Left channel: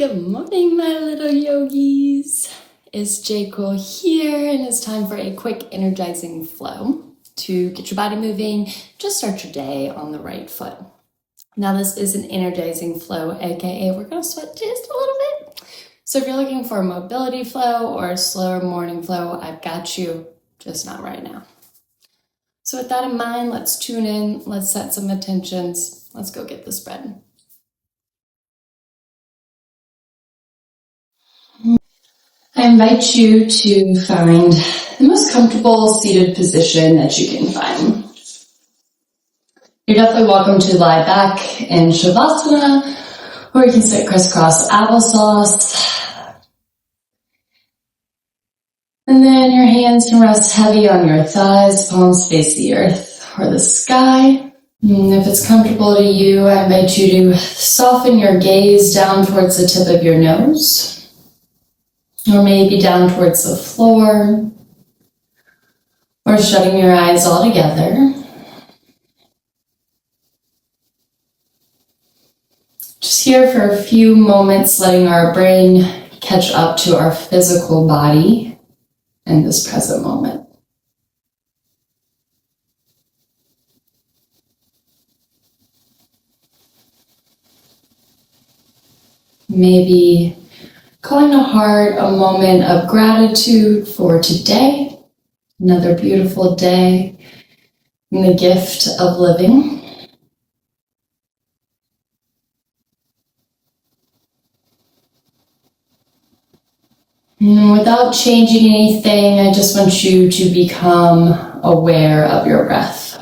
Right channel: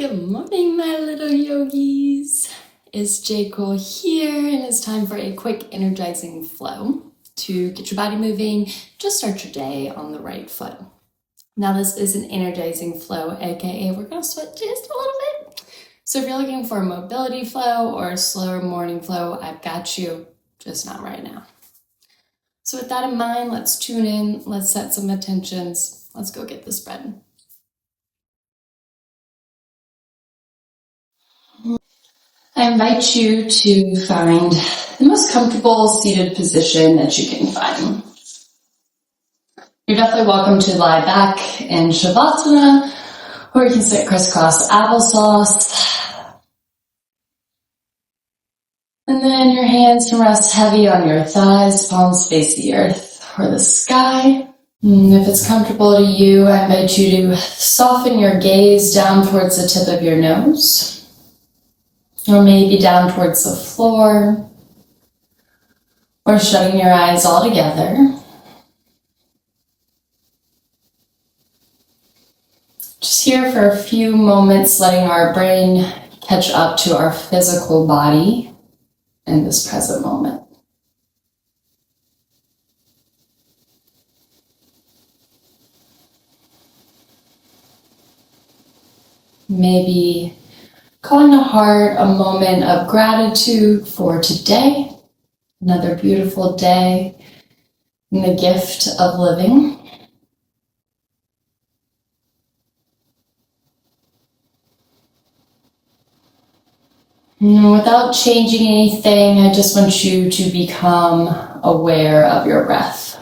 Good morning, my little yogis. It's J. here, and it's time for a quick energizing flow to get your body moving. Just start your day on the right foot. Now, this is an energizing flow, aka we're going to sweat just a little bit. So if you're looking for a mobility flow or a slower morning flow, I've got you, just not right now. So with that in mind, let's tune in, let's set some intentions, let's go get this bread. I invite you to find the most comfortable seated position that you can find. You're definitely welcome to lie back in Shavasana, or you can sit crisscross applesauce. And then your hands can rest heavy on your thighs, palms face the earth or the sky. And if it's comfortable to you, I invite you to soften your gaze down towards the tip of your nose. Or maybe down towards the floor, or shutting your eyes altogether. Just here for a few moments, letting our brain catch up to our physical body in this present moment. Maybe calling to heart a moment of gratitude for today, another beautiful day, and the gift of living. And without changing anything, I just want you to become aware of your breath.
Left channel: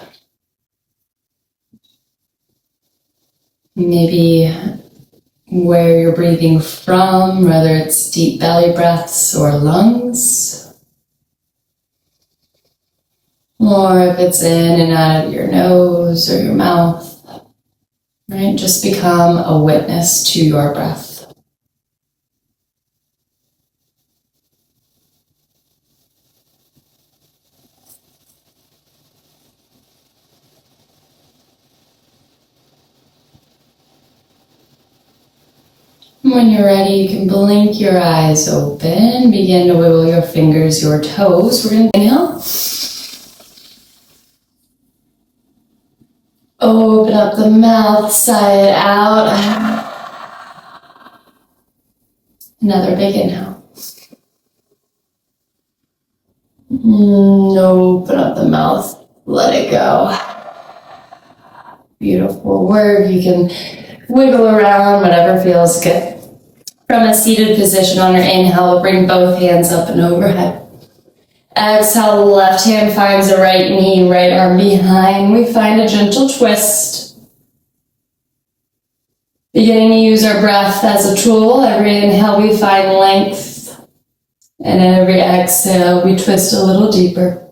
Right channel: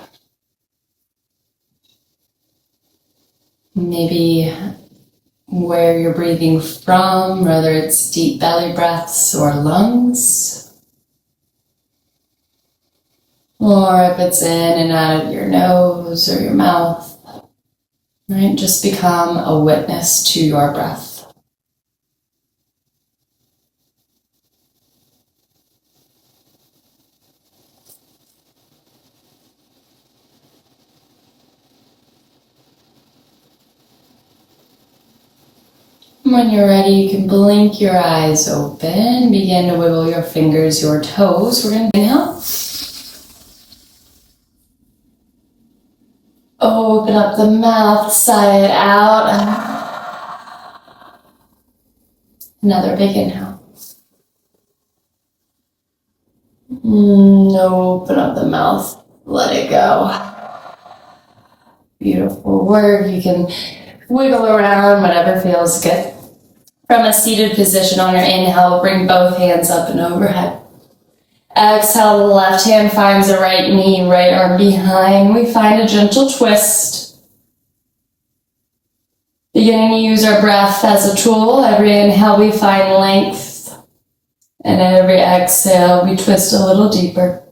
Maybe where you're breathing from, whether it's deep belly breaths or lungs, or if it's in and out of your nose or your mouth, right? Just become a witness to your breath. When you're ready, you can blink your eyes open, begin to wiggle your fingers, your toes. We're going to inhale. Open up the mouth, sigh it out. Another big inhale. Open up the mouth, let it go. Beautiful work. You can wiggle around, whatever feels good. From a seated position on your inhale, bring both hands up and overhead. Exhale, the left hand finds the right knee, right arm behind. We find a gentle twist. Beginning to use our breath as a tool. Every inhale, we find length. And every exhale, we twist a little deeper.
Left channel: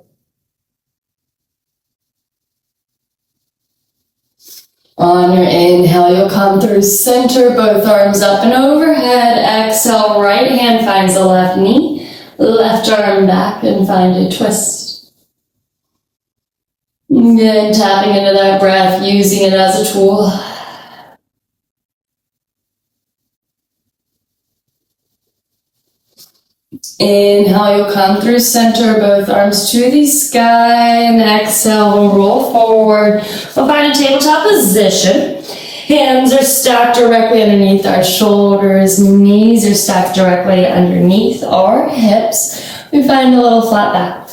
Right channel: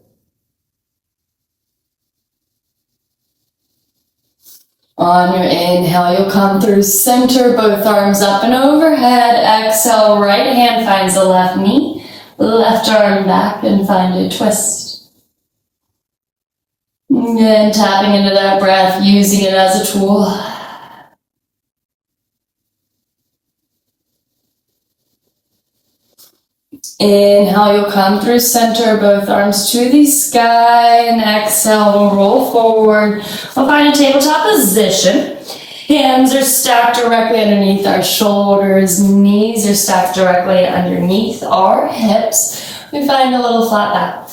On your inhale, you'll come through center, both arms up and overhead. Exhale, right hand finds the left knee, left arm back and find a twist. And then tapping into that breath, using it as a tool. Inhale, you'll come through center, both arms to the sky, and exhale, we'll roll forward. We'll find a tabletop position. Hands are stacked directly underneath our shoulders, knees are stacked directly underneath our hips. We find a little flat back.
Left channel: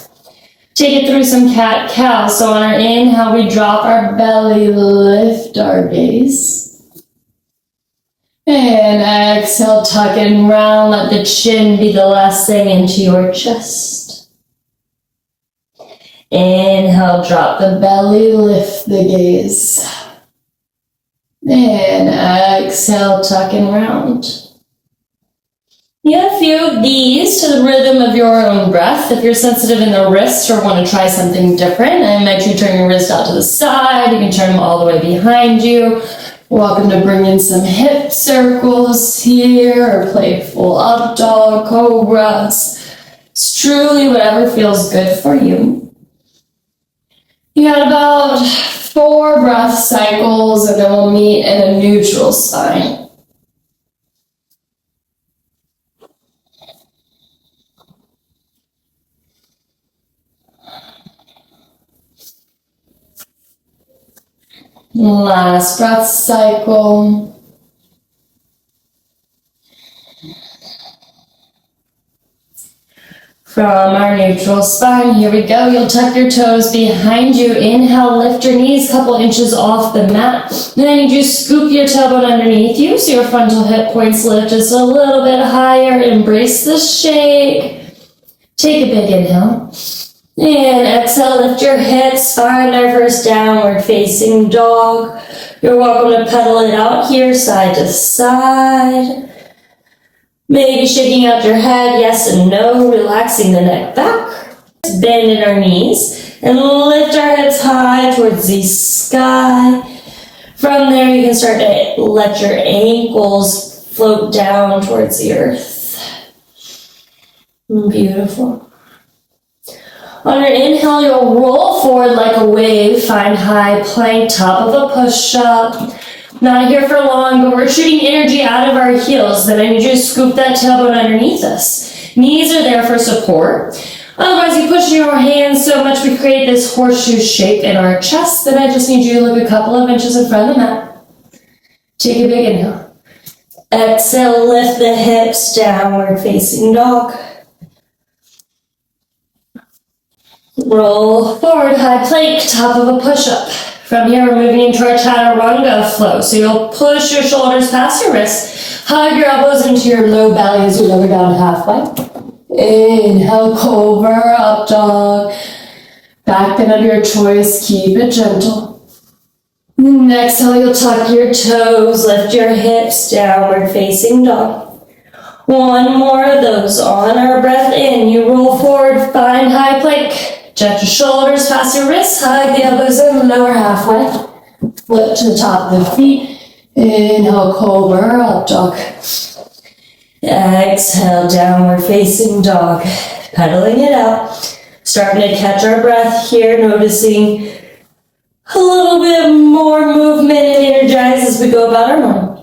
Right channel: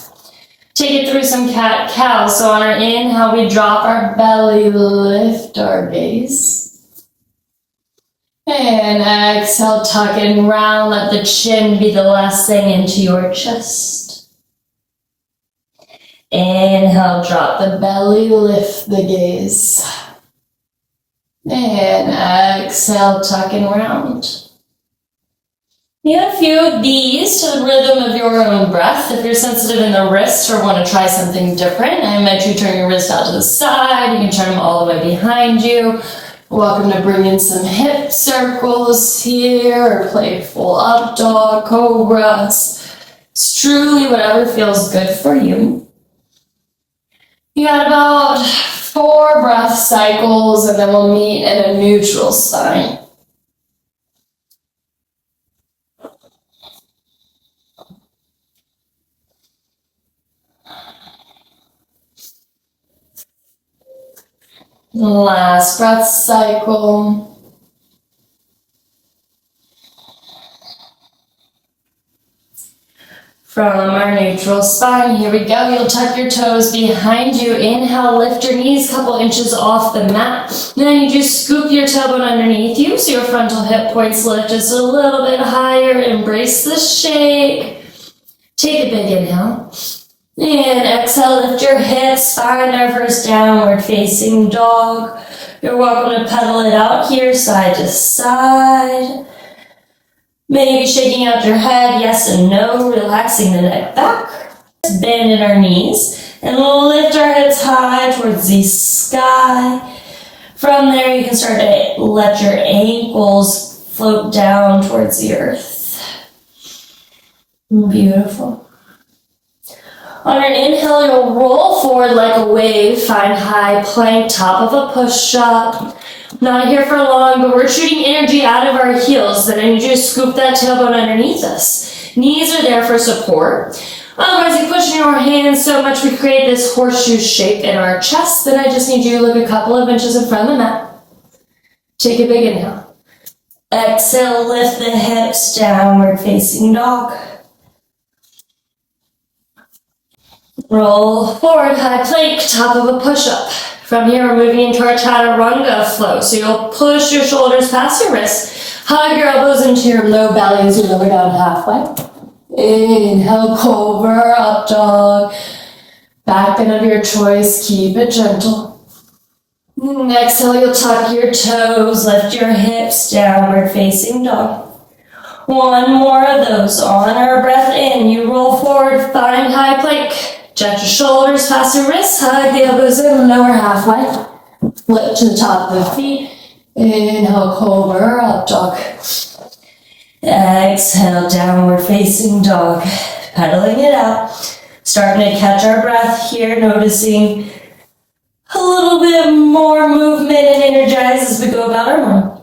Take it through some cat-cow. So on our inhale, we drop our belly, lift our gaze. And exhale, tuck and round, let the chin be the last thing into your chest. Inhale, drop the belly, lift the gaze. And exhale, tuck and round. Get a few of these to the rhythm of your own breath. If you're sensitive in the wrist or want to try something different, I invite you to turn your wrist out to the side. You can turn them all the way behind you. Welcome to bring in some hip circles here, or playful up dog, cobras. It's truly whatever feels good for you. You got about 4 breath cycles, and then we'll meet in a neutral spine. Last breath cycle. From our neutral spine, here we go. You'll tuck your toes behind you. Inhale, lift your knees a couple inches off the mat. Then I need you to scoop your tailbone underneath you so your frontal hip points lift just a little bit higher. Embrace the shake. Take a big inhale. And exhale, lift your hips, find our first downward facing dog. You're welcome to pedal it out here, side to side. Maybe shaking out your head, yes and no, relaxing the neck back. Bend in our knees and lift our hips high towards the sky. From there, you can start to let your ankles float down towards the earth. Beautiful. On your inhale, you'll roll forward like a wave, find high plank, top of a push-up. Not here for long, but we're shooting energy out of our heels. Then I need you to scoop that tailbone underneath us. Knees are there for support. Otherwise, you push your hands so much we create this horseshoe shape in our chest. Then I just need you to look a couple of inches in front of the mat. Take a big inhale. Exhale, lift the hips, downward facing dog. Roll forward, high plank, top of a push-up. From here, we're moving into our chaturanga flow. So you'll push your shoulders past your wrists, hug your elbows into your low belly as you lower down halfway. Inhale, cobra, up dog. Back bend of your choice, keep it gentle. Exhale, you'll tuck your toes, lift your hips, downward facing dog. One more of those. On our breath in, you roll forward, find high plank. Jet your shoulders past your wrists, hug the elbows in, lower halfway. Flip to the top of the feet. Inhale, cobra, up dog. Exhale, downward facing dog. Pedaling it out. Starting to catch our breath here, noticing a little bit more movement and energize as we go about our morning.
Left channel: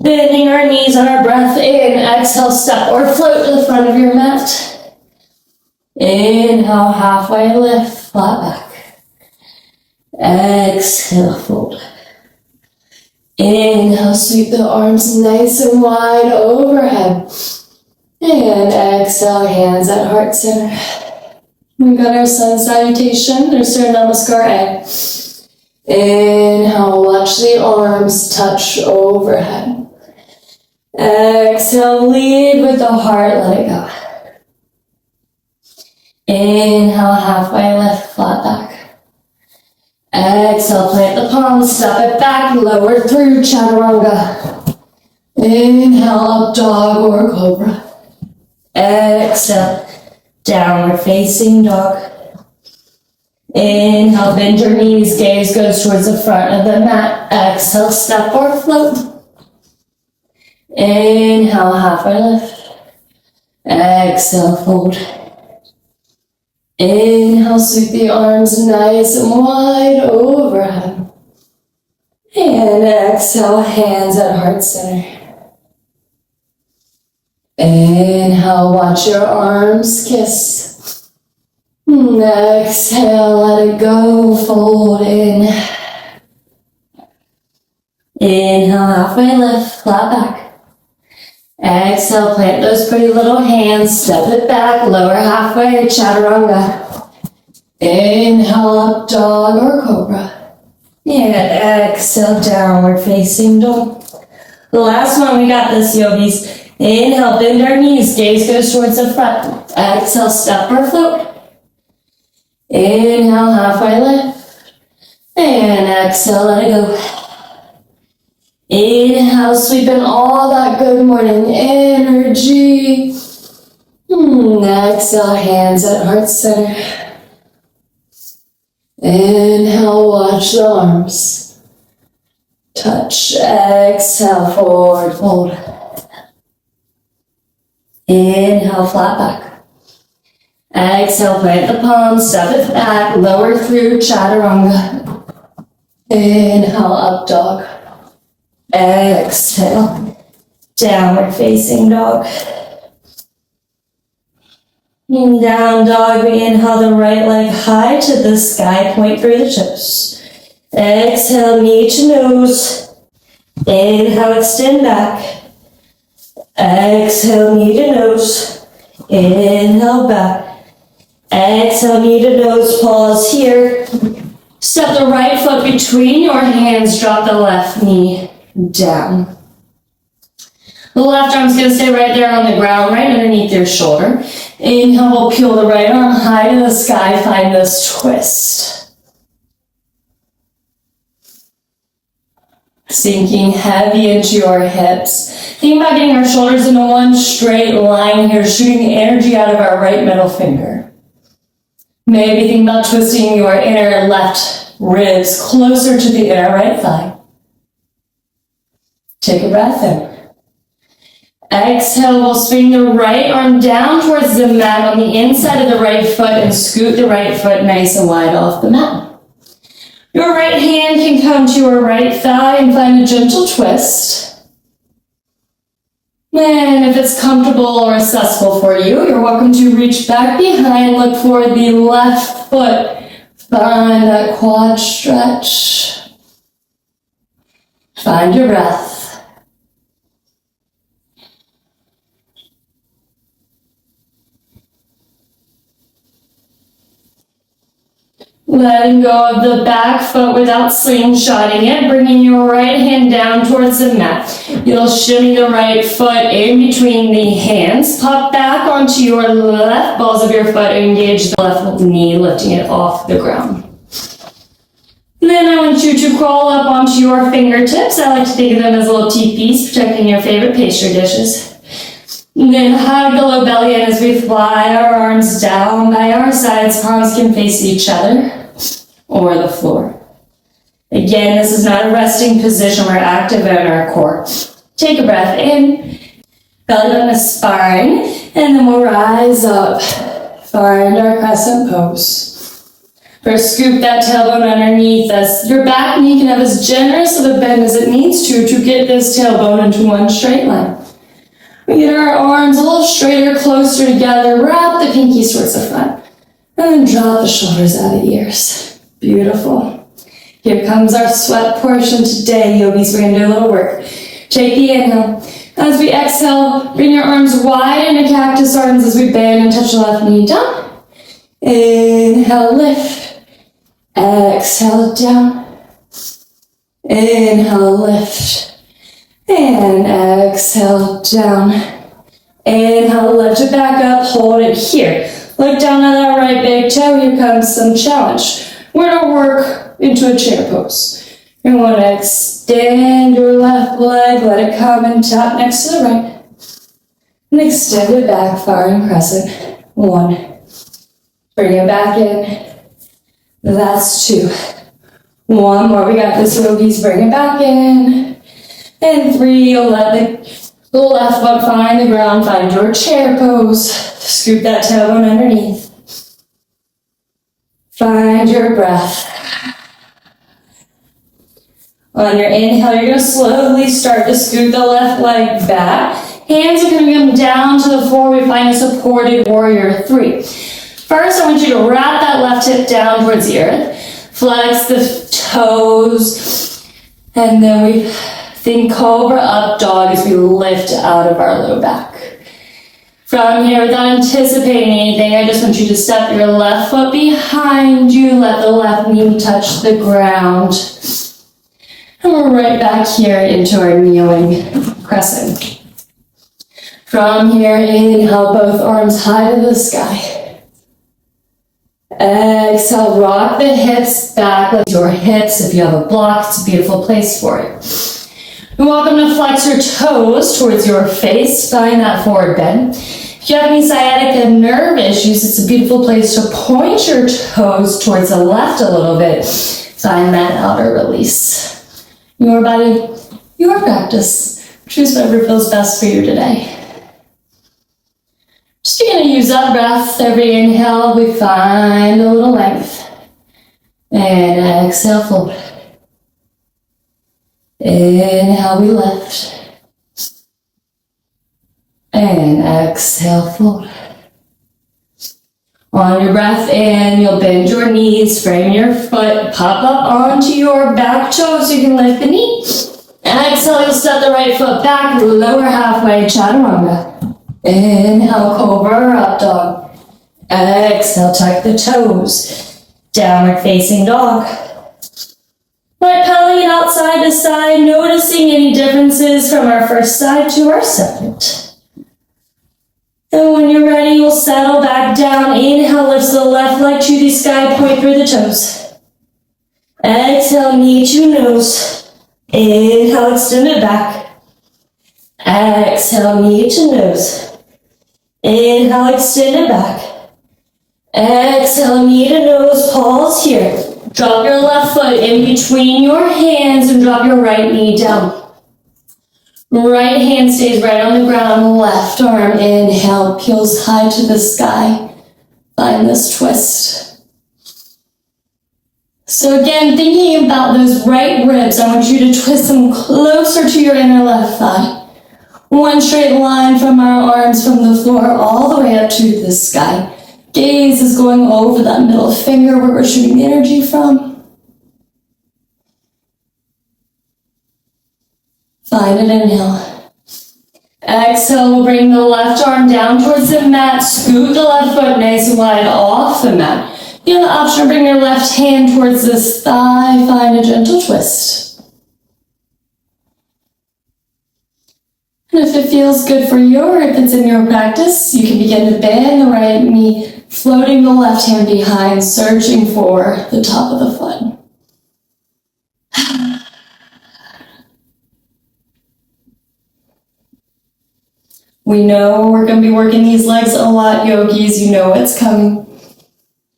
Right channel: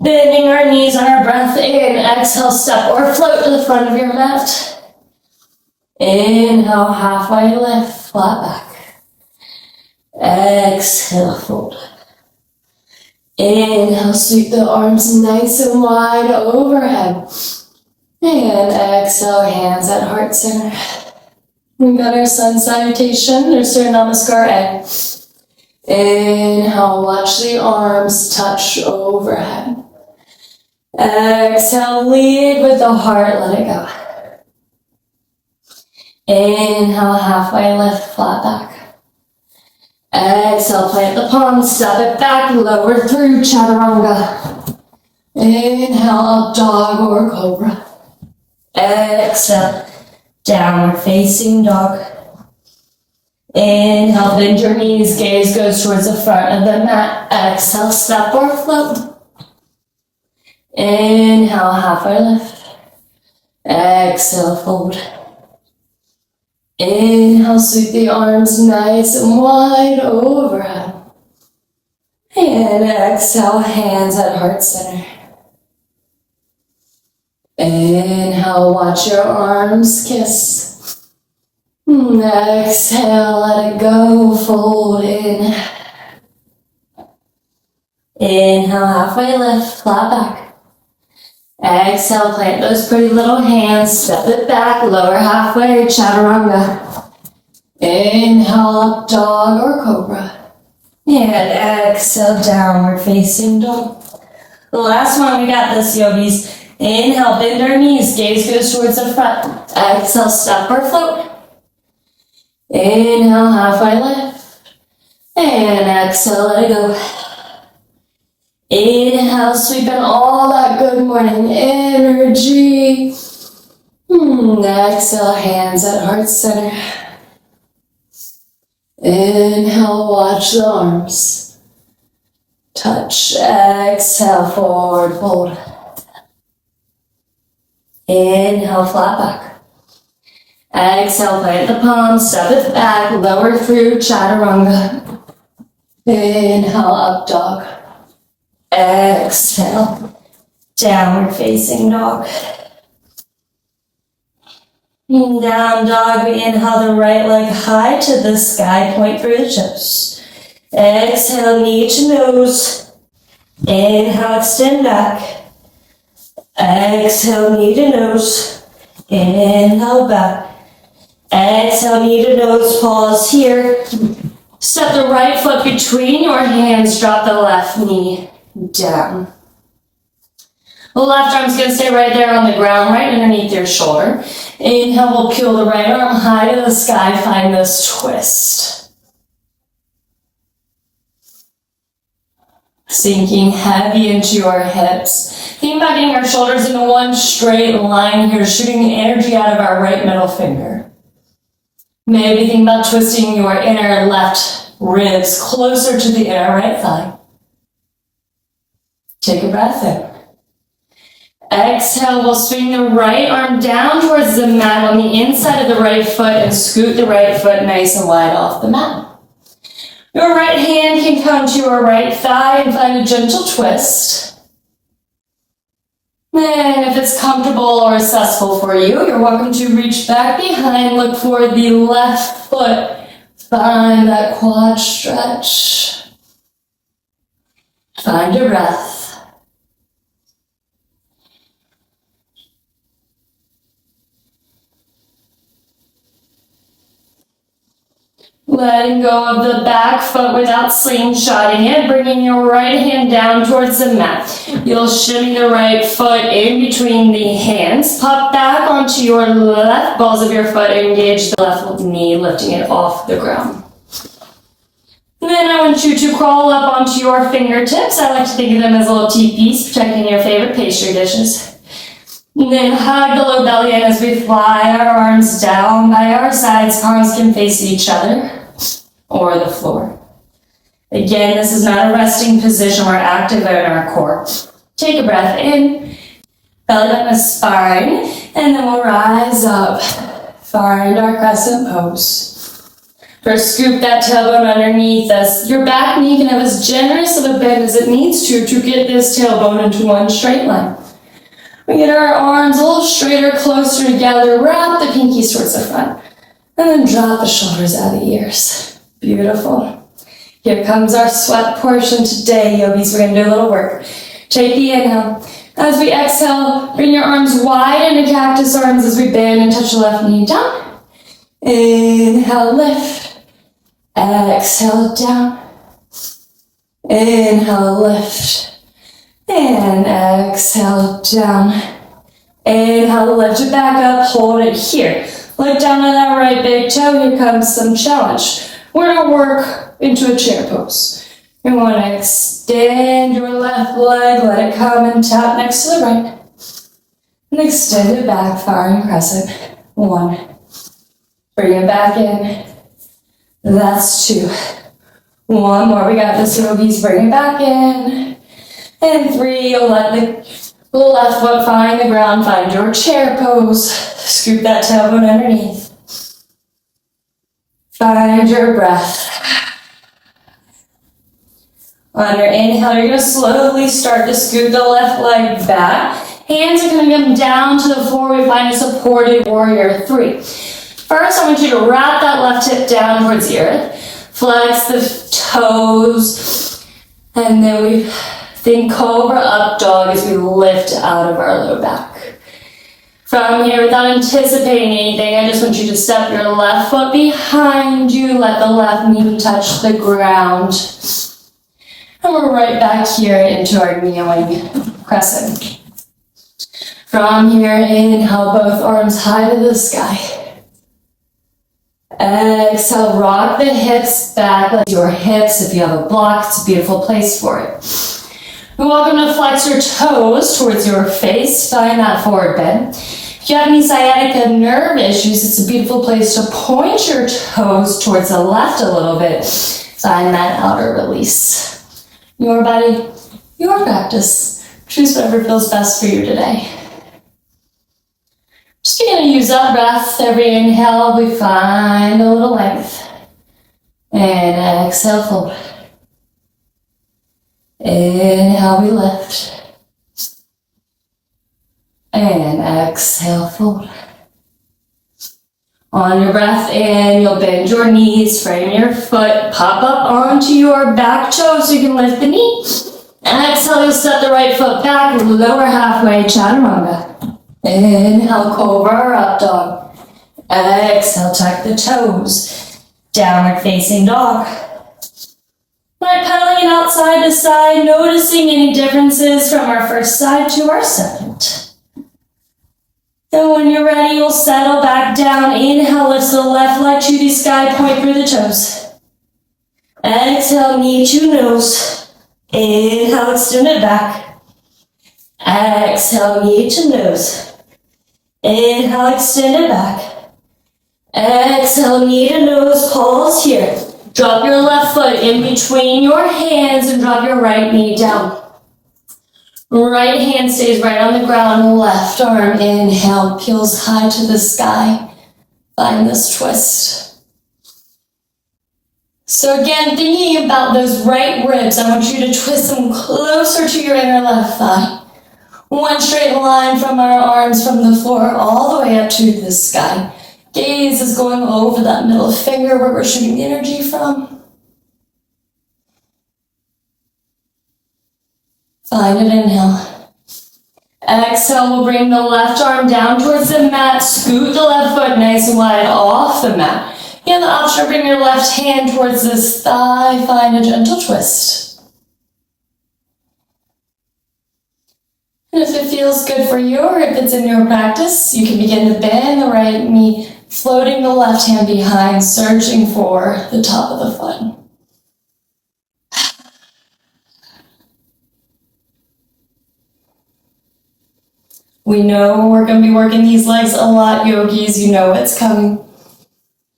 Bending our knees on our breath in. Exhale, step or float to the front of your mat. Inhale, halfway lift, flat back. Exhale, fold. Inhale, sweep the arms nice and wide overhead. And exhale, hands at heart center. We've got our sun salutation, or Surya Namaskar A. Inhale, watch the arms touch overhead. Exhale, lead with the heart, let it go. Inhale, halfway lift, flat back. Exhale, plant the palms, step it back, lower through chaturanga. Inhale, up dog or cobra. Exhale, downward facing dog. Inhale, bend your knees, gaze goes towards the front of the mat. Exhale, step or float. Inhale, halfway lift. Exhale, fold. Inhale, sweep the arms nice and wide overhead. And exhale, hands at heart center. Inhale, watch your arms kiss. Exhale, let it go, fold in. Inhale, halfway lift, flat back. Exhale, plant those pretty little hands, step it back, lower halfway, chaturanga. Inhale, up dog or cobra. And exhale, downward facing dog. The last one, we got this, yogis. Inhale, bend our knees, gaze goes towards the front. Exhale, step or float. Inhale, halfway lift. And exhale, let it go. Inhale, sweeping all that good morning energy. Exhale, hands at heart center. Inhale, watch the arms touch. Exhale, forward fold. Inhale, flat back. Exhale, plant the palms, step it back, lower through chaturanga. Inhale, up dog. Exhale, downward facing dog. In down dog, we inhale the right leg high to the sky, point through the toes. Exhale, knee to nose. Inhale, extend back. Exhale, knee to nose. Inhale, back. Exhale, knee to nose. Pause here. Step the right foot between your hands. Drop the left knee down. The left arm's going to stay right there on the ground, right underneath your shoulder. Inhale, we'll peel the right arm high to the sky. Find this twist. Sinking heavy into your hips. Think about getting our shoulders into one straight line here, shooting energy out of our right middle finger. Maybe think about twisting your inner left ribs closer to the inner right thigh. Take a breath in. Exhale, we'll swing the right arm down towards the mat on the inside of the right foot and scoot the right foot nice and wide off the mat. Your right hand can come to your right thigh and find a gentle twist. And if it's comfortable or accessible for you, you're welcome to reach back behind, look for the left foot. Find that quad stretch. Find your breath. Letting go of the back foot without slingshotting it, bringing your right hand down towards the mat. You'll shimmy the right foot in between the hands. Pop back onto your left balls of your foot. Engage the left knee, lifting it off the ground. And then I want you to crawl up onto your fingertips. I like to think of them as little teepees, protecting your favorite pastry dishes. And then hug the low belly in as we fly our arms down by our sides. Palms can face each other or the floor. Again, this is not a resting position. We're active in our core. Take a breath in, belly button to spine, and then we'll rise up. Find our crescent pose. First, scoop that tailbone underneath us. Your back knee can have as generous of a bend as it needs to get this tailbone into one straight line. We get our arms a little straighter, closer together. Wrap the pinkies towards the front. And then drop the shoulders out of the ears. Beautiful. Here comes our sweat portion today, yogis. We're going to do a little work. Take the inhale. As we exhale, bring your arms wide into cactus arms as we bend and touch the left knee down. Inhale, lift. Exhale, down. Inhale, lift. And exhale, down. Inhale, lift it back up, hold it here. Look down at that right big toe, here comes some challenge. We're gonna work into a chair pose. You wanna extend your left leg, let it come and tap next to the right. And extend it back, firing crescent. 1. Bring it back in. That's 2. 1 more, we got this, yogis, bring it back in. And 3, you'll let the left foot find the ground, find your chair pose. Scoop that tailbone underneath. Find your breath. On your inhale, you're going to slowly start to scoot the left leg back. Hands are going to come down to the floor. We find a supported warrior 3. First, I want you to wrap that left hip down towards the earth. Flex the toes. And then we think cobra up dog as we lift out of our low back. From here, without anticipating anything, I just want you to step your left foot behind you. Let the left knee touch the ground. And we're right back here into our kneeling crescent. From here, inhale both arms high to the sky. Exhale, rock the hips back. Let your hips, if you have a block, it's a beautiful place for it. You're welcome to flex your toes towards your face. Find that forward bend. If you have any sciatica nerve issues, it's a beautiful place to point your toes towards the left a little bit. Find that outer release. Your body, your practice. Choose whatever feels best for you today. Just going to use that breath. Every inhale, we find a little length. And exhale, fold. Inhale, we lift. And exhale, fold. On your breath in, you'll bend your knees, frame your foot, pop up onto your back toe so you can lift the knee. Exhale, you'll step the right foot back, lower halfway, chaturanga. Inhale, cobra or up dog. Exhale, tuck the toes. Downward facing dog. Right pedaling outside to side, noticing any differences from our first side to our second. And when you're ready, you'll settle back down. Inhale, lift the left leg to the sky, point through the toes. Exhale, knee to nose. Inhale, extend it back. Exhale, knee to nose. Inhale, extend it back. Exhale, knee to nose, pause here. Drop your left foot in between your hands and drop your right knee down. Right hand stays right on the ground, left arm, inhale, peels high to the sky. Find this twist. So again, thinking about those right ribs, I want you to twist them closer to your inner left thigh. One straight line from our arms from the floor all the way up to the sky. Gaze is going over that middle finger where we're shooting the energy from. Find an inhale. Exhale, we'll bring the left arm down towards the mat. Scoot the left foot nice and wide off the mat. You have the option to bring your left hand towards this thigh. Find a gentle twist. And if it feels good for you, or if it's in your practice, you can begin to bend the right knee, floating the left hand behind, searching for the top of the foot. We know we're going to be working these legs a lot, yogis. You know what's coming.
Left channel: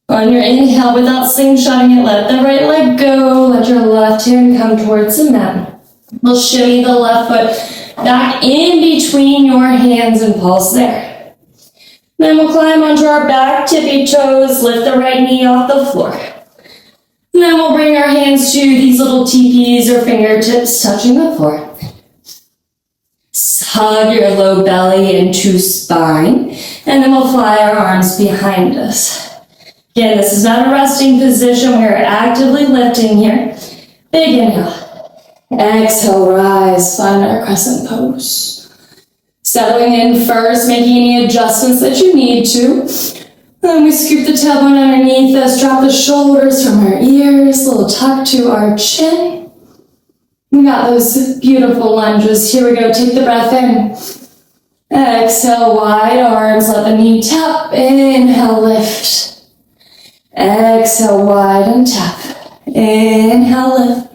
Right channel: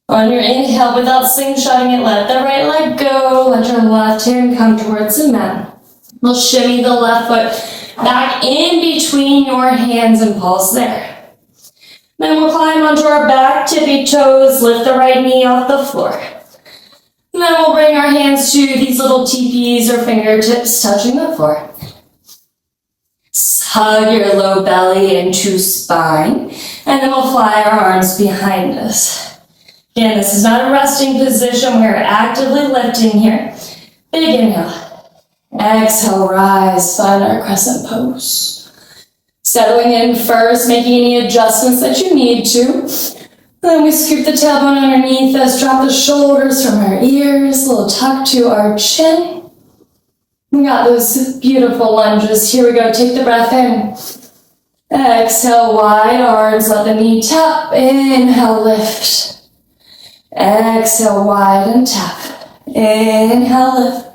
On your inhale, without slingshotting it, let the right leg go. Let your left hand come towards the mat. We'll shimmy the left foot back in between your hands and pulse there. Then we'll climb onto our back, tippy toes, lift the right knee off the floor. And then we'll bring our hands to these little teepees or fingertips touching the floor. Hug your low belly into spine, and then we'll fly our arms behind us. Again, this is not a resting position. We're actively lifting here. Big inhale. Exhale, rise, find our crescent pose. Settling in first, making any adjustments that you need to. Then we scoop the tailbone underneath us, drop the shoulders from our ears, a little tuck to our chin. We got those beautiful lunges. Here we go. Take the breath in. Exhale, wide arms. Let the knee tap. Inhale, lift. Exhale, wide and tap. Inhale, lift.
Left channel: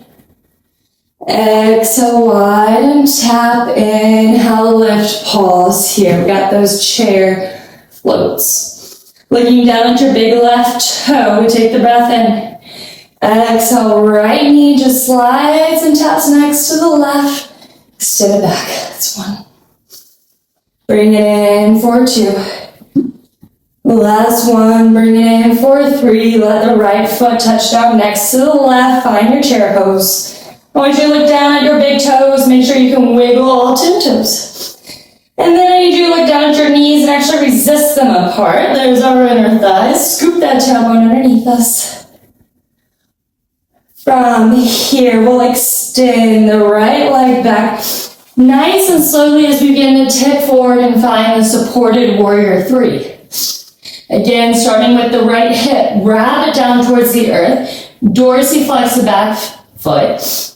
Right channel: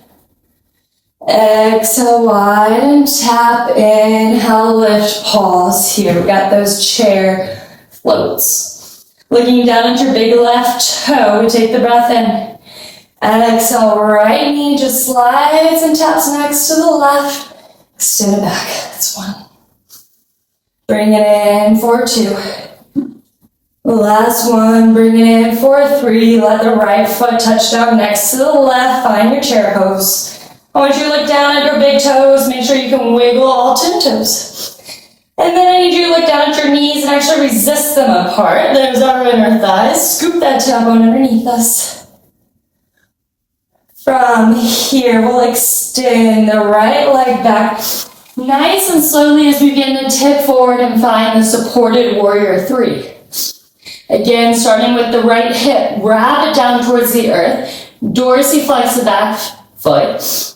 Exhale, wide and tap. Inhale, lift. Pause here. We got those chair floats. Looking down at your big left toe. We take the breath in. Exhale, right knee just slides and taps next to the left. Extend it back. That's one. Bring it in for two. Last one. Bring it in for three. Let the right foot touch down next to the left. Find your chair pose. I want you to look down at your big toes. Make sure you can wiggle all 10 toes. And then I need you to look down at your knees and actually resist them apart. There's our inner thighs. Scoop that tailbone underneath us. From here, we'll extend the right leg back nice and slowly as we begin to tip forward and find the supported warrior three. Again, starting with the right hip, wrap it down towards the earth, dorsiflex the back foot.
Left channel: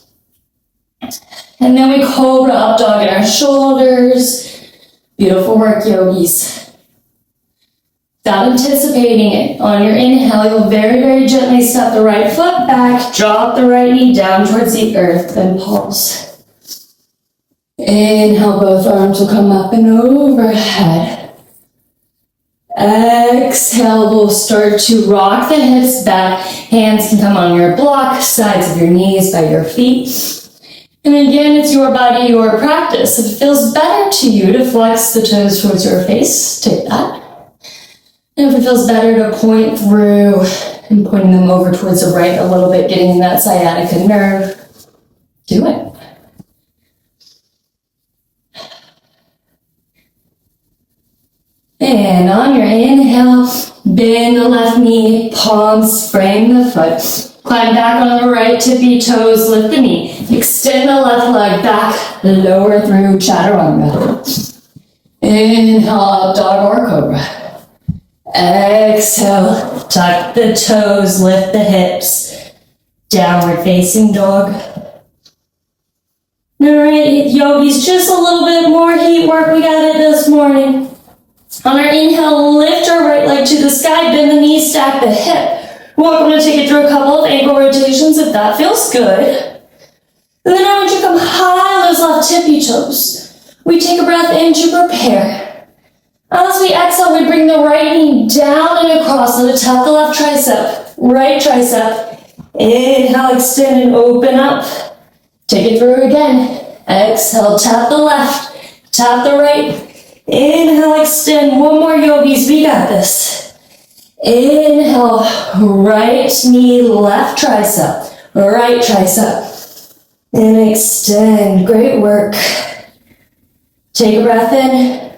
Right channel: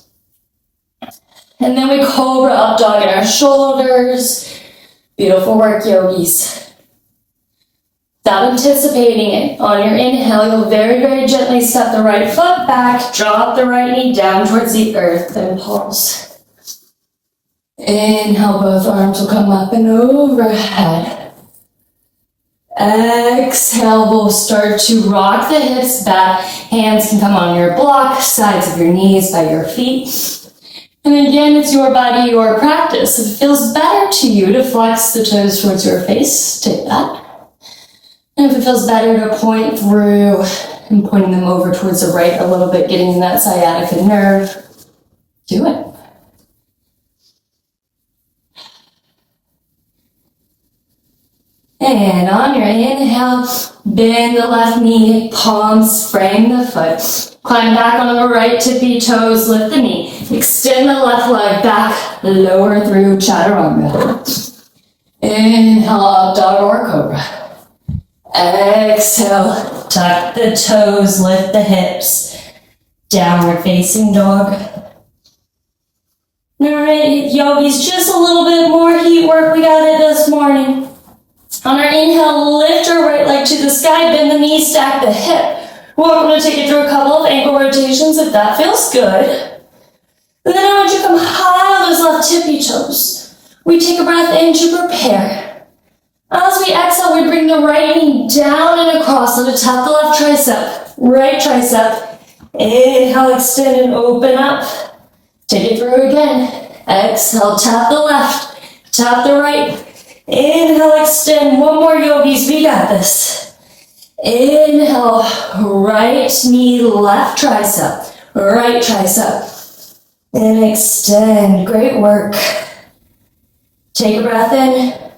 And then we cobra up dog in our shoulders. Beautiful work, yogis. Without anticipating it, on your inhale, you'll very, very gently step the right foot back, drop the right knee down towards the earth, and pulse. Inhale, both arms will come up and overhead. Exhale, we'll start to rock the hips back. Hands can come on your block, sides of your knees, by your feet. And again, it's your body, your practice. If it feels better to you to flex the toes towards your face, take that. And if it feels better to point through and pointing them over towards the right a little bit, getting in that sciatica nerve, do it. And on your inhale, bend the left knee, palms frame the foot. Climb back on the right tippy toes, lift the knee. Extend the left leg back, lower through chaturanga. Inhale, up dog or cobra. Exhale, tuck the toes, lift the hips. Downward facing dog. Alright, yogis, just a little bit more heat work. We got it this morning. On our inhale, lift our right leg to the sky, bend the knee, stack the hip. Welcome to take it through a couple of ankle rotations if that feels good. And then I want you to come high on those left tippy toes. We take a breath in to prepare. As we exhale, we bring the right knee down and across. Let it tap the left tricep, right tricep. Inhale, extend and open up. Take it through again. Exhale, tap the left, tap the right. Inhale, extend. One more, yogis. We got this. Inhale, right knee, left tricep, right tricep. And extend. Great work. Take a breath in.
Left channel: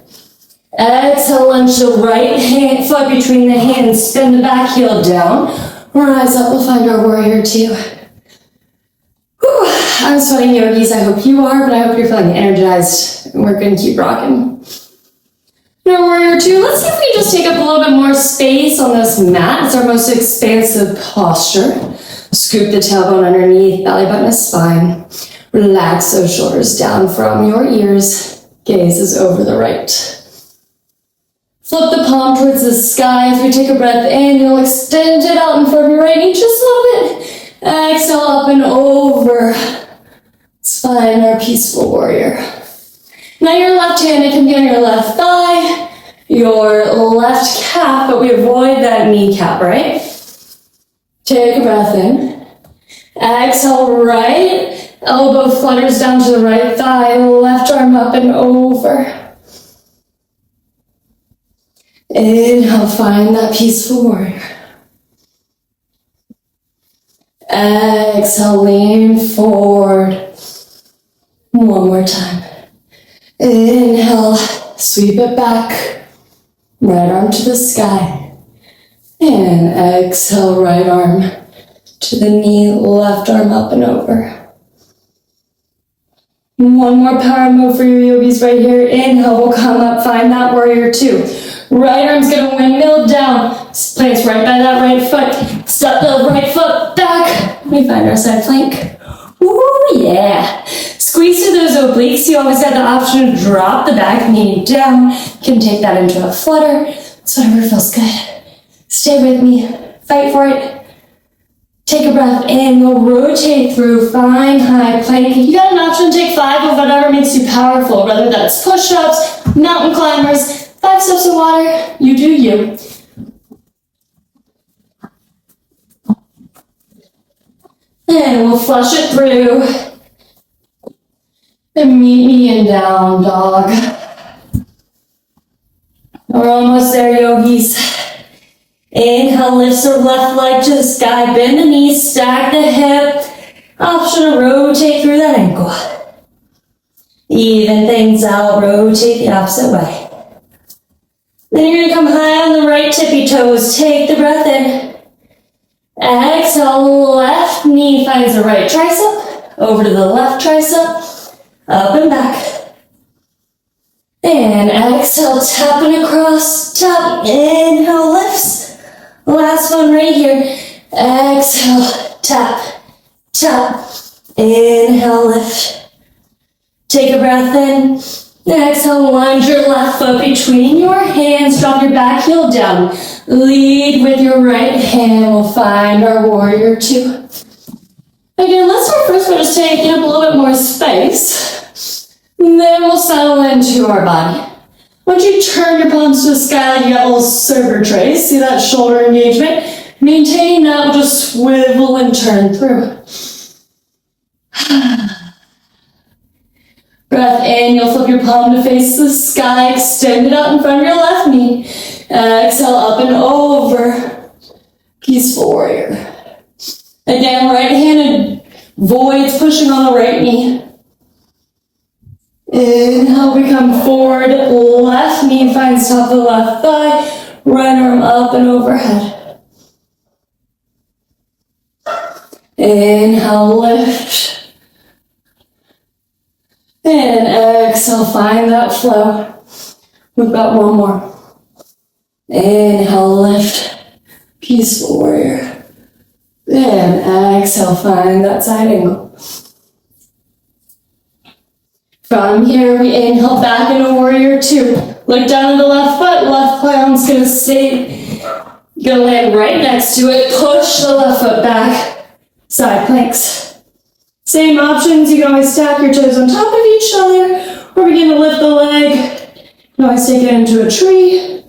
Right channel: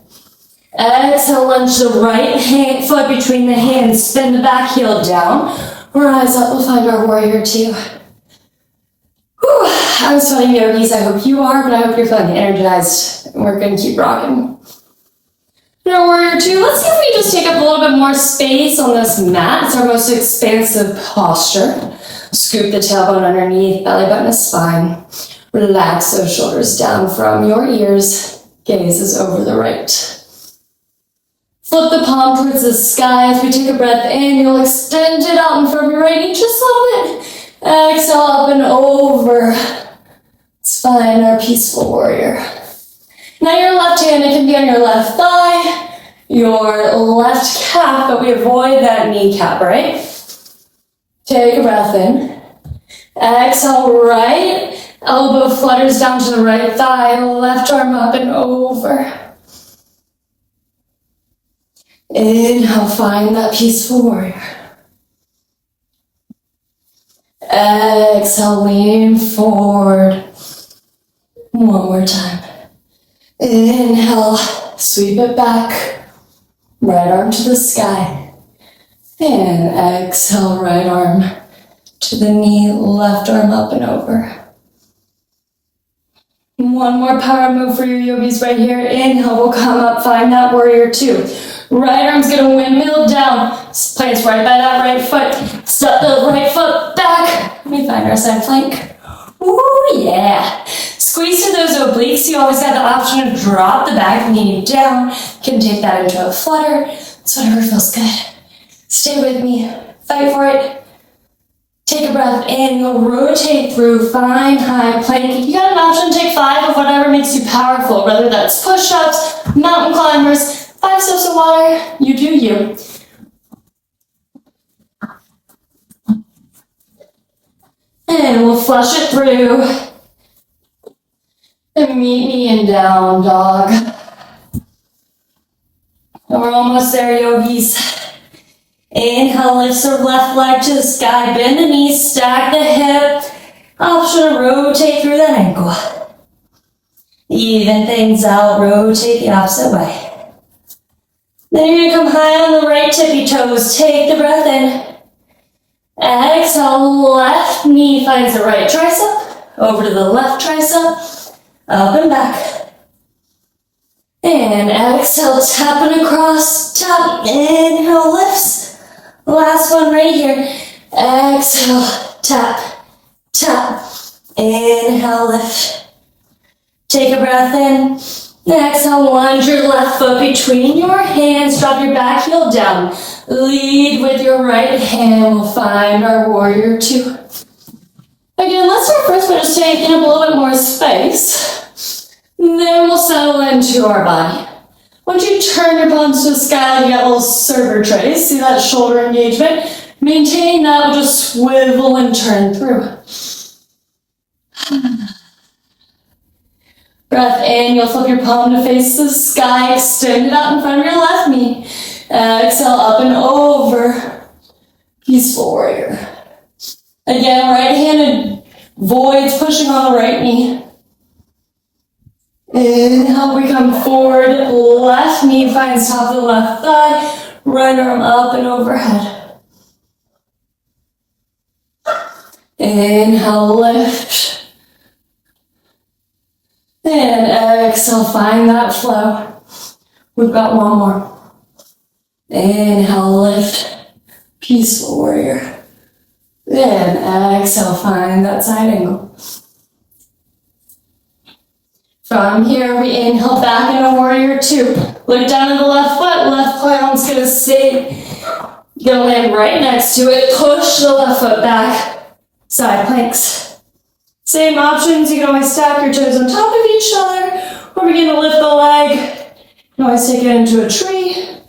Exhale, lunge the right foot between the hands. Spin the back heel down. Rise up. We'll find our warrior two. Whew, I'm sweating, yogis. I hope you are, but I hope you're feeling energized. And we're going to keep rocking. Now, warrior two, let's see if we just take up a little bit more space on this mat. It's our most expansive posture. Scoop the tailbone underneath, belly button is spine. Relax those shoulders down from your ears. Gaze is over the right. Flip the palm towards the sky. As we take a breath in, you'll extend it out in front of your right knee just a little bit. Exhale up and over. Let's find our peaceful warrior. Now your left hand, it can be on your left thigh, your left calf, but we avoid that kneecap, right? Take a breath in. Exhale, right elbow flutters down to the right thigh, left arm up and over. Inhale, find that peaceful warrior. Exhale, lean forward. One more time. Inhale, sweep it back. Right arm to the sky. And exhale, right arm to the knee, left arm up and over. One more power move for your yogis right here. Inhale, we'll come up, find that warrior two. Right arm's gonna windmill down. Place right by that right foot. Step the right foot back. We find our side plank. Ooh, yeah. Squeeze through those obliques. You always got the option to drop the back knee down. You can take that into a flutter. It's whatever feels good. Stay with me. Fight for it. Take a breath in. You'll rotate through. Find high plank. You got an option to take 5 of whatever makes you powerful, whether that's push-ups, mountain climbers, 5 sips of water. You do you. And we'll flush it through. And meet me in down dog. We're almost there, yogis. Inhale, lift the left leg to the sky, bend the knees, stack the hip. Option to rotate through that ankle. Even things out, rotate the opposite way. Then you're gonna come high on the right tippy toes. Take the breath in. Exhale, left knee finds the right tricep, over to the left tricep, up and back. And exhale, tapping across, tap, inhale, lifts. Last one right here. Exhale, tap, tap, inhale, lift. Take a breath in. Exhale, lunge your left foot between your hands, drop your back heel down. Lead with your right hand. We'll find our warrior two. Again, let's start first by just taking up a little bit more space. And then we'll settle into our body. Once you turn your palms to the sky like you got little server trays, see that shoulder engagement? Maintain that, we'll just swivel and turn through. Breath in, you'll flip your palm to face the sky, extend it out in front of your left knee. Exhale, up and over. Peaceful warrior. Again, right-handed voids pushing on the right knee. Inhale, we come forward, left knee finds top of the left thigh, right arm up and overhead. Inhale, lift. And exhale, find that flow. We've got one more. Inhale, lift. Peaceful warrior. And exhale, find that side angle. From here, we inhale back into warrior two. Look down at the left foot, left plan's gonna stay. Gonna land right next to it. Push the left foot back. Side planks. Same options, you can always stack your toes on top of each other or begin to lift the leg. You can always take it into a tree.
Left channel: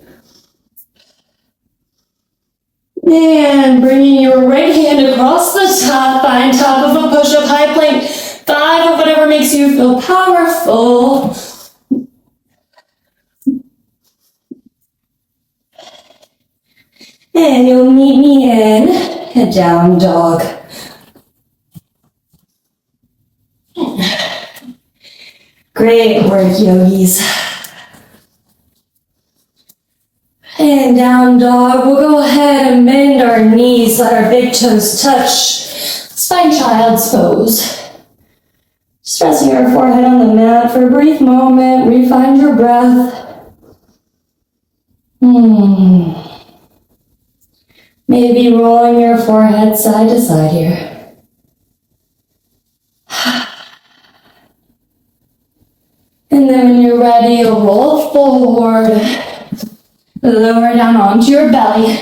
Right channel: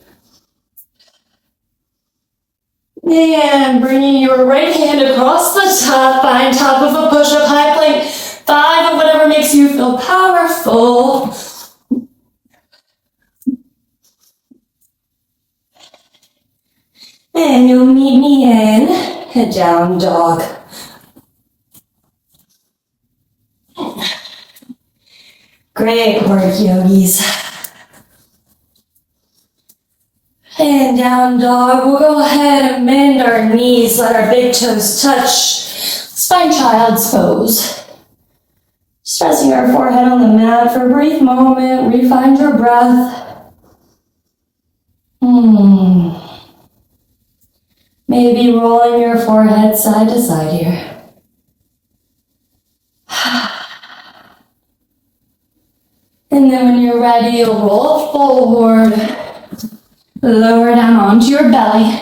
And bringing your right hand across the top, find top of a push-up high plank. 5 of whatever makes you feel powerful. And you'll meet me in a down dog. Great work, yogis. And down dog, we'll go ahead and bend our knees, let our big toes touch. Spine child's pose. Just resting our forehead on the mat for a brief moment. Refine your breath. Maybe rolling your forehead side to side here. And then when you're ready, you'll roll forward. Lower down onto your belly.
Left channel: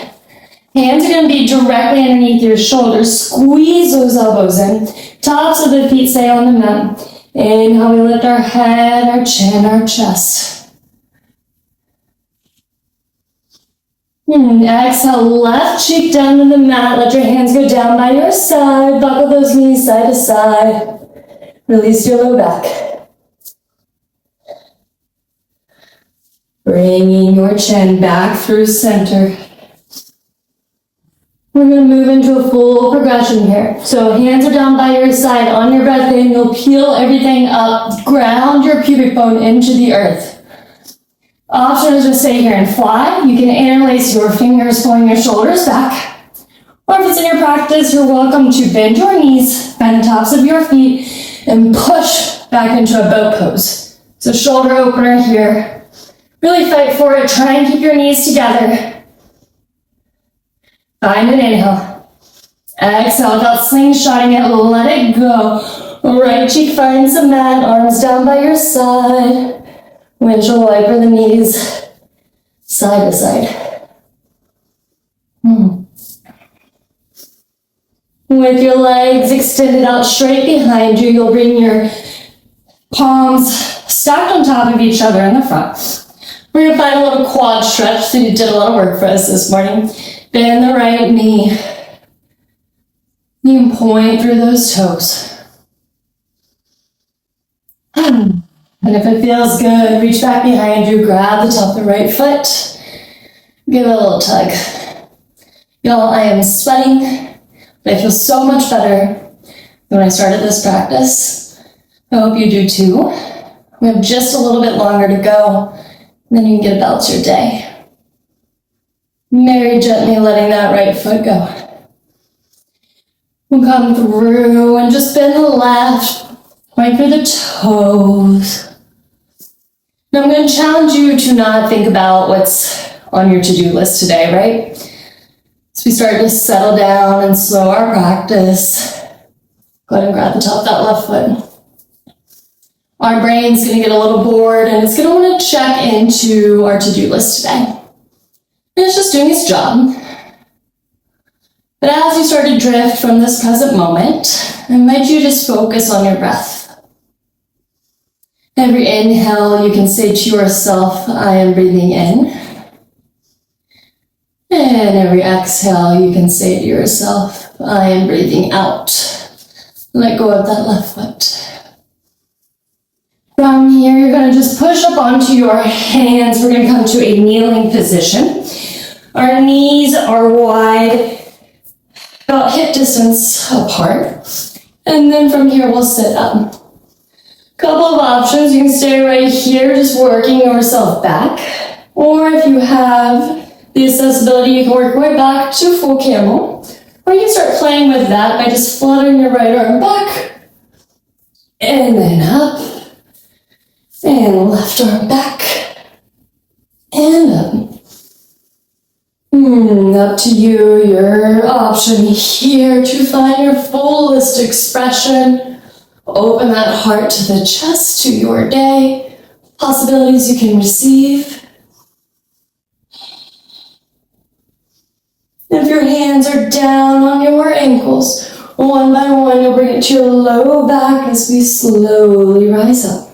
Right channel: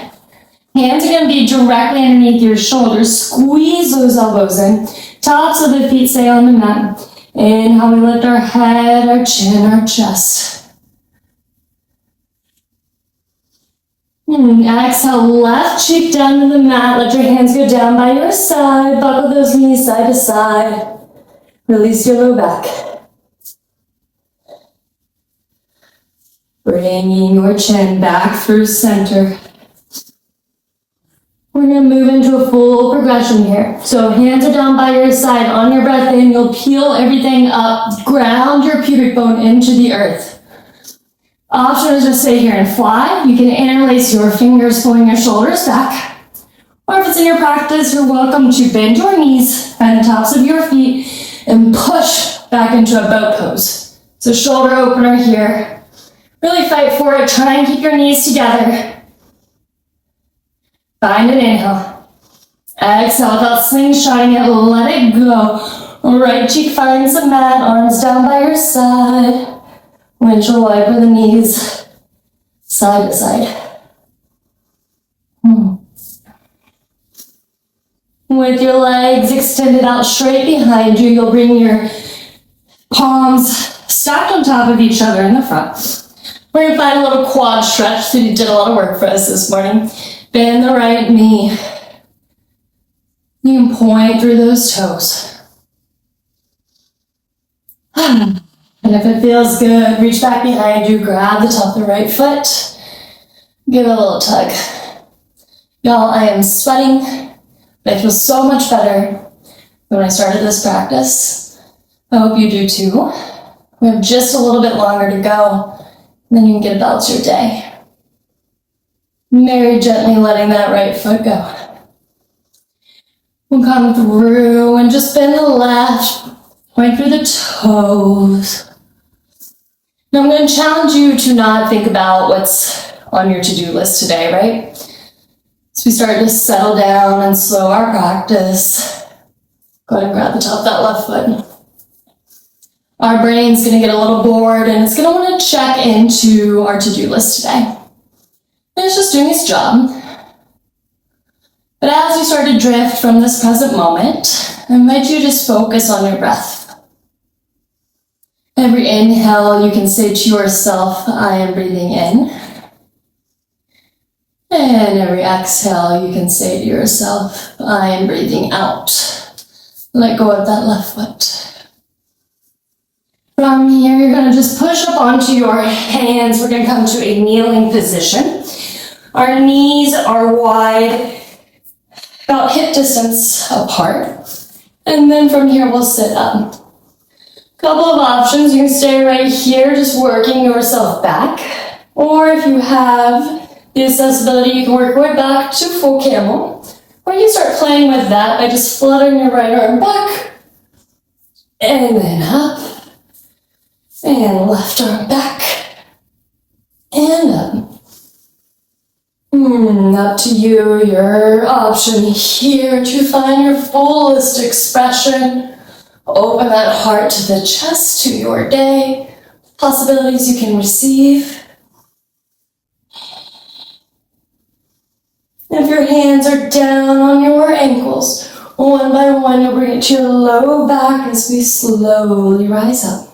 Hands are going to be directly underneath your shoulders. Squeeze those elbows in. Tops of the feet stay on the mat. Inhale, we lift our head, our chin, our chest. Exhale, left cheek down to the mat. Let your hands go down by your side. Buckle those knees side to side. Release your low back. Bringing your chin back through center. We're going to move into a full progression here. So hands are down by your side. On your breath in, you'll peel everything up. Ground your pubic bone into the earth. Option is to stay here and fly. You can interlace your fingers, pulling your shoulders back. Or if it's in your practice, you're welcome to bend your knees, bend the tops of your feet, and push back into a boat pose. So shoulder opener here. Really fight for it. Try and keep your knees together. Find an inhale. Exhale without slingshotting it. Let it go. Right cheek finds the mat. Arms down by your side. Windshield wiper the knees side to side. With your legs extended out straight behind you, you'll bring your palms stacked on top of each other in the front. We're going to find a little quad stretch, so you did a lot of work for us this morning. Bend the right knee. You can point through those toes. And if it feels good, reach back behind you, grab the top of the right foot, give it a little tug. Y'all, I am sweating, but I feel so much better than when I started this practice. I hope you do too. We have just a little bit longer to go, and then you can get about your day. Very gently letting that right foot go. We'll come through and just bend to the left, point through the toes. Now I'm going to challenge you to not think about what's on your to-do list today, right? As we start to settle down and slow our practice, go ahead and grab the top of that left foot. Our brain's going to get a little bored and it's going to want to check into our to-do list today. And it's just doing its job. But as you start to drift from this present moment, I invite you to just focus on your breath. Every inhale, you can say to yourself, I am breathing in. And every exhale, you can say to yourself, I am breathing out. Let go of that left foot. From here, you're going to just push up onto your hands. We're going to come to a kneeling position. Our knees are wide, about hip distance apart. And then from here, we'll sit up. Couple of options. You can stay right here, just working yourself back. Or if you have the accessibility, you can work your way back to full camel. Or you can start playing with that by just fluttering your right arm back. And then up. And left arm back. And up. Up to you, your option here to find your fullest expression. Open that heart to the chest, to your day, possibilities you can receive. If your hands are down on your ankles, one by one, you'll bring it to your low back as we slowly rise up.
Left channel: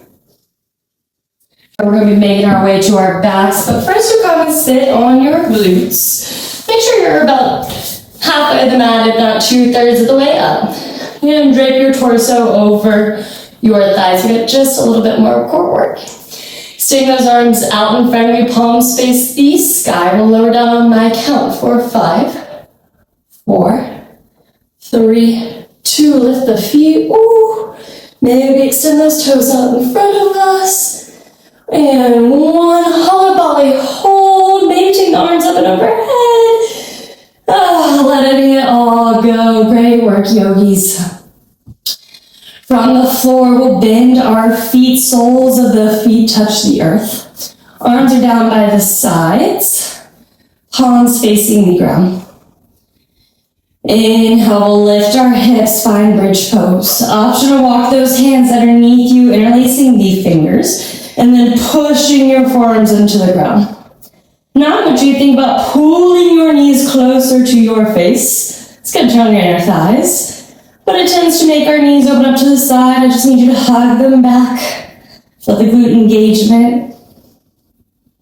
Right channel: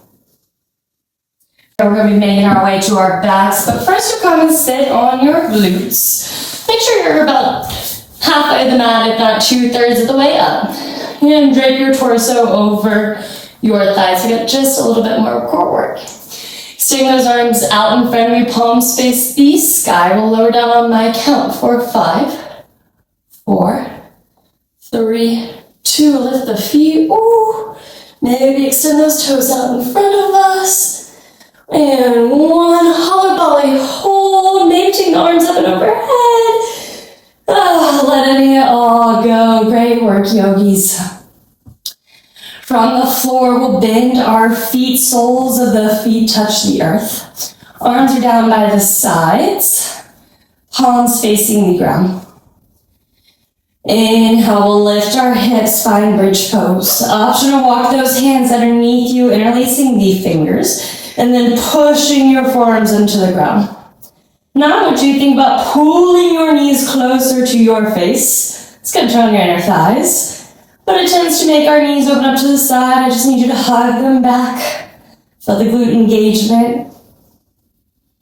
We're going to be making our way to our backs, but first you're going to sit on your glutes. Make sure you're about halfway of the mat, if not 2/3 of the way up. You're going to drape your torso over your thighs. You get just a little bit more core work. Stick those arms out in front of you, palms face the sky. We'll lower down on my count for 5, 4, 3, 2. Lift the feet. Ooh. Maybe extend those toes out in front of us. And 1, hollow belly, hold. Maybe take the arms up and overhead. Letting it all go. Great work, yogis. From the floor, we'll bend our feet. Soles of the feet touch the earth. Arms are down by the sides. Palms facing the ground. Inhale, we'll lift our hips, find bridge pose. Option to walk those hands underneath you, interlacing the fingers, and then pushing your forearms into the ground. Now, what do you think about pulling your knees closer to your face? It's going to turn your inner thighs, but it tends to make our knees open up to the side. I just need you to hug them back. Feel the glute engagement.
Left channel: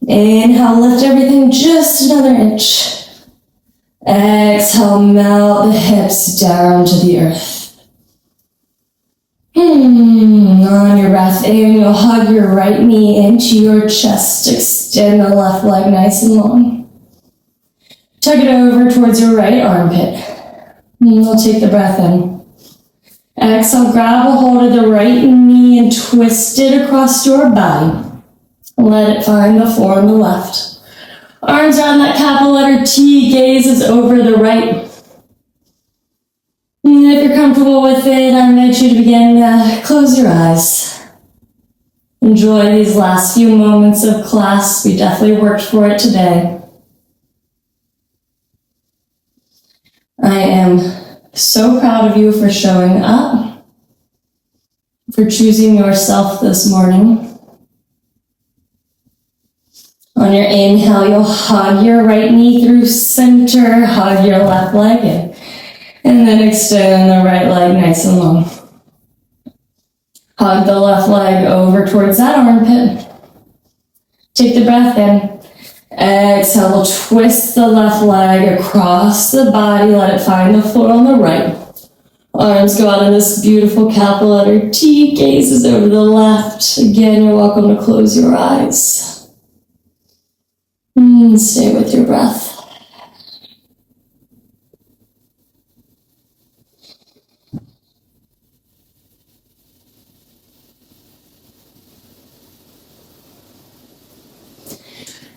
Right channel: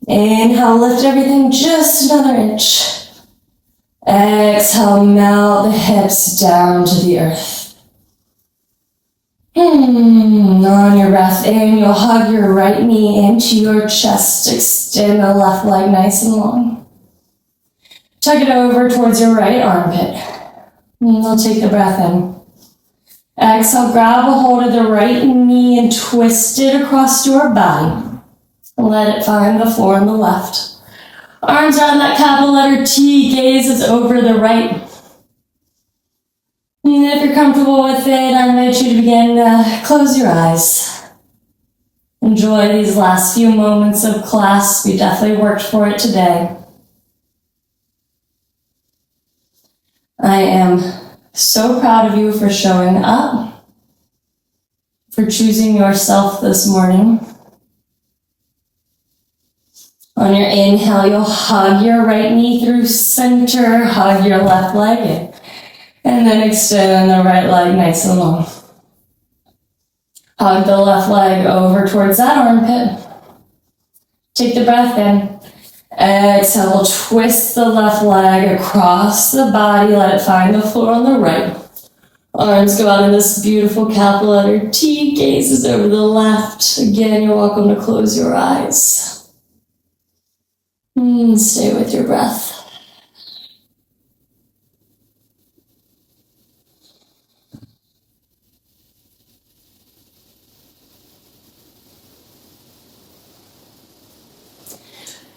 Inhale, lift everything just another inch. Exhale, melt the hips down to the earth. On your breath in, you'll hug your right knee into your chest. Extend the left leg nice and long. Tuck it over towards your right armpit. You'll take the breath in. Exhale, grab a hold of the right knee and twist it across your body. Let it find the floor on the left. Arms on that capital letter T, gazes over the right. And if you're comfortable with it, I invite you to begin close your eyes. Enjoy these last few moments of class. We definitely worked for it today. I am so proud of you for showing up, for choosing yourself this morning. On your inhale, you'll hug your right knee through center, hug your left leg in, and then extend the right leg nice and long. Hug the left leg over towards that armpit. Take the breath in. Exhale, we'll twist the left leg across the body, let it find the floor on the right. Arms go out in this beautiful capital letter T, gazes over the left. Again, you're welcome to close your eyes. Stay with your breath.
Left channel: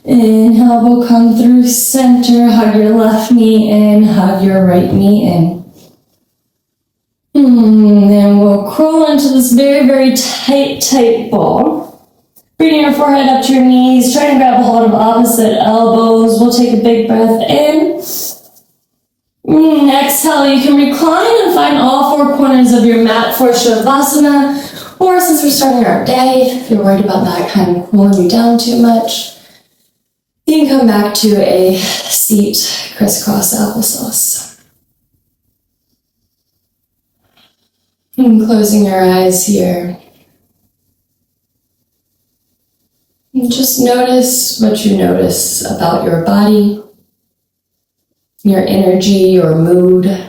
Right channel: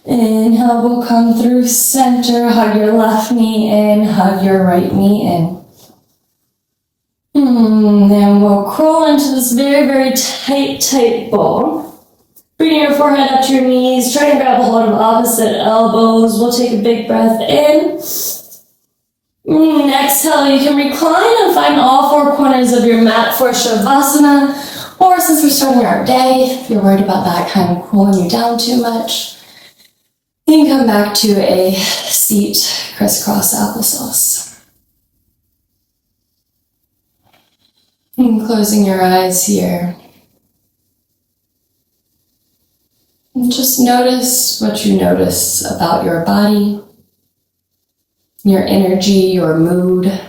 Inhale, we'll come through center, hug your left knee in, hug your right knee in. Then we'll crawl into this very, very tight ball. Bring your forehead up to your knees, try to grab a hold of opposite elbows. We'll take a big breath in. Exhale, you can recline and find all 4 corners of your mat for Shavasana. Or since we're starting our day, if you're worried about that kind of cooling you down too much, you can come back to a seat, crisscross applesauce. And closing your eyes here. And just notice what you notice about your body, your energy, your mood.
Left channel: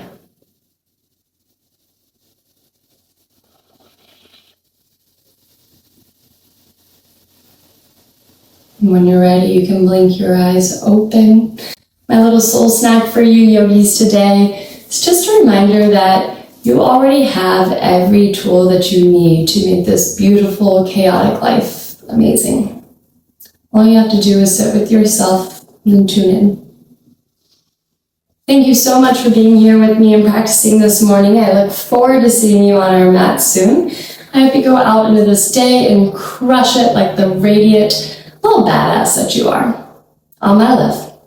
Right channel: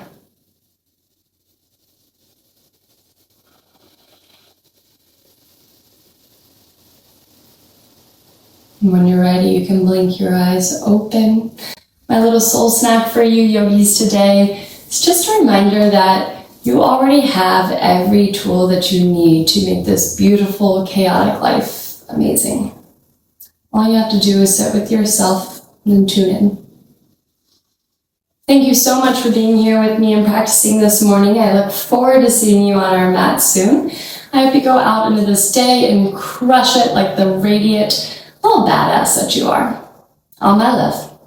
When you're ready, you can blink your eyes open. My little soul snack for you yogis today is just a reminder that You already have every tool that you need to make this beautiful, chaotic life amazing. All you have to do is sit with yourself and then tune in. Thank you so much for being here with me and practicing this morning. I look forward to seeing you on our mat soon. I hope you go out into this day and crush it like the radiant little badass that you are. All my love.